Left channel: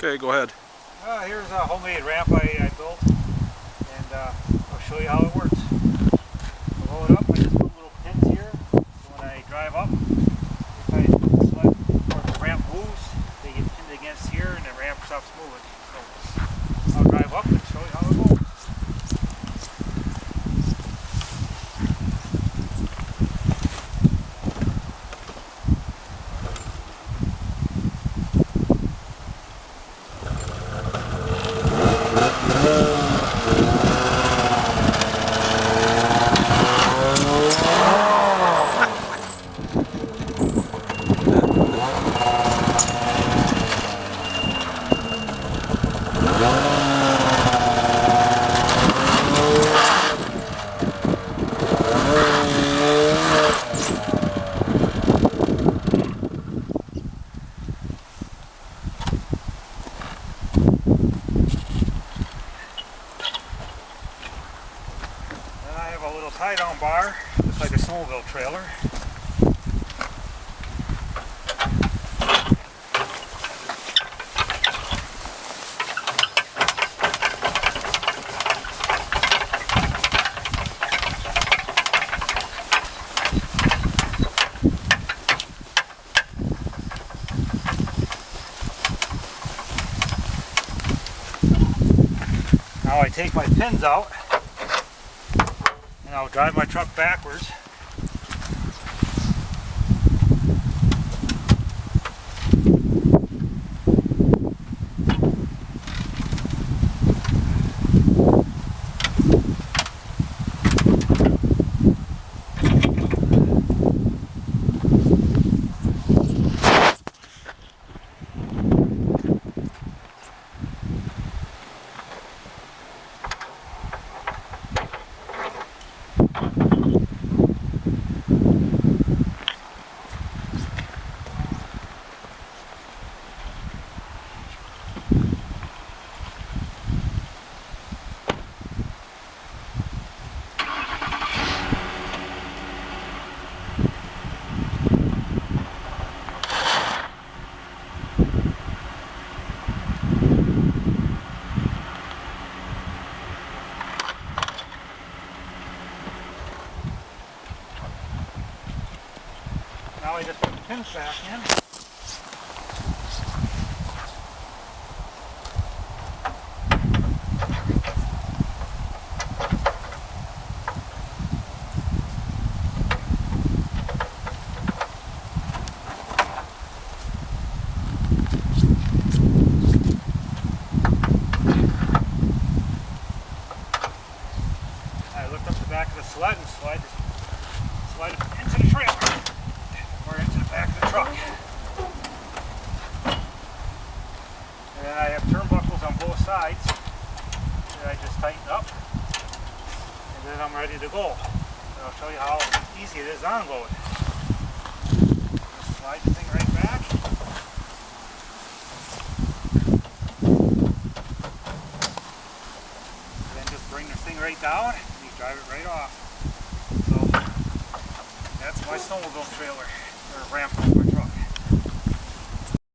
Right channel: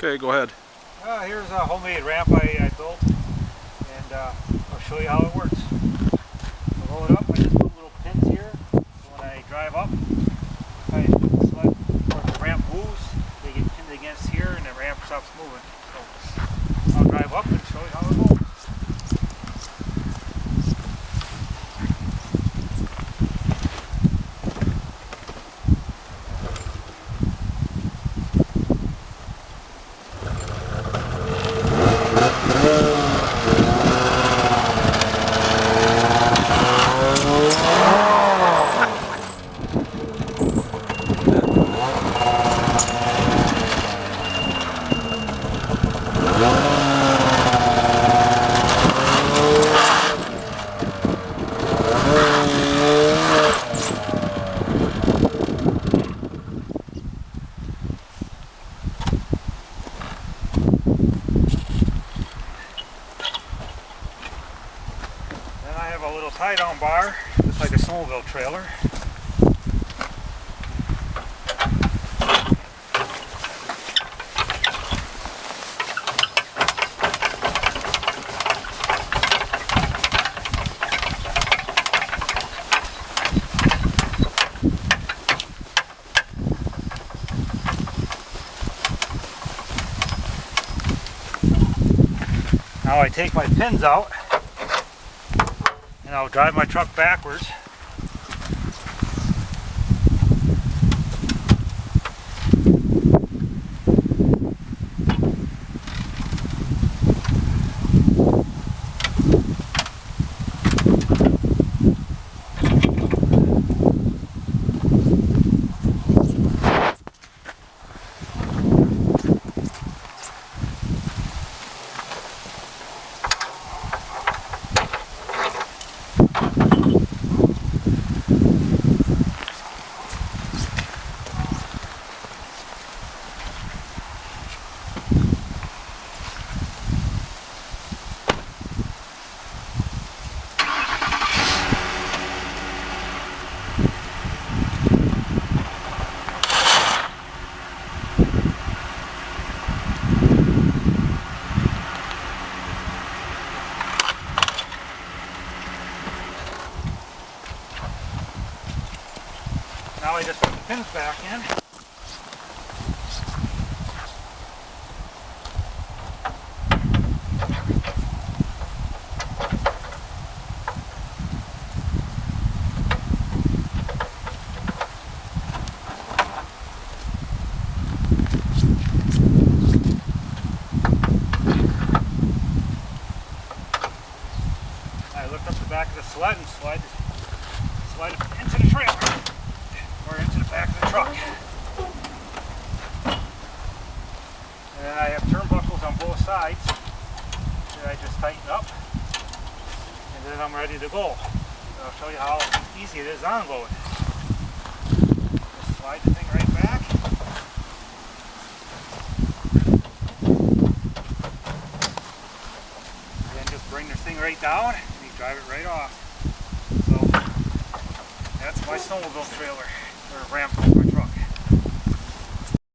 Okay, go ahead. Here's a homemade ramp I built, and I'll show you how it works. To load up, I just put little pins here, so when I drive up, if I select or the ramp moves, they get pinned against here and the ramp stops moving. So I'll drive up and show you how it goes. Then I have a little tie-down bar, just like a snowmobile trailer. Now I take my pins out and I'll drive my truck backwards. Now I just put the pins back in. I lift up the back of the sled and slide it into the trailer. Or into the back of the truck. And then I have turnbuckles on both sides that I just tighten up, and then I'm ready to go. And I'll show you how easy it is on load. Just slide the thing right back. And then just bring the thing right down and you drive it right off. So that's my snowmobile trailer. Or ramp.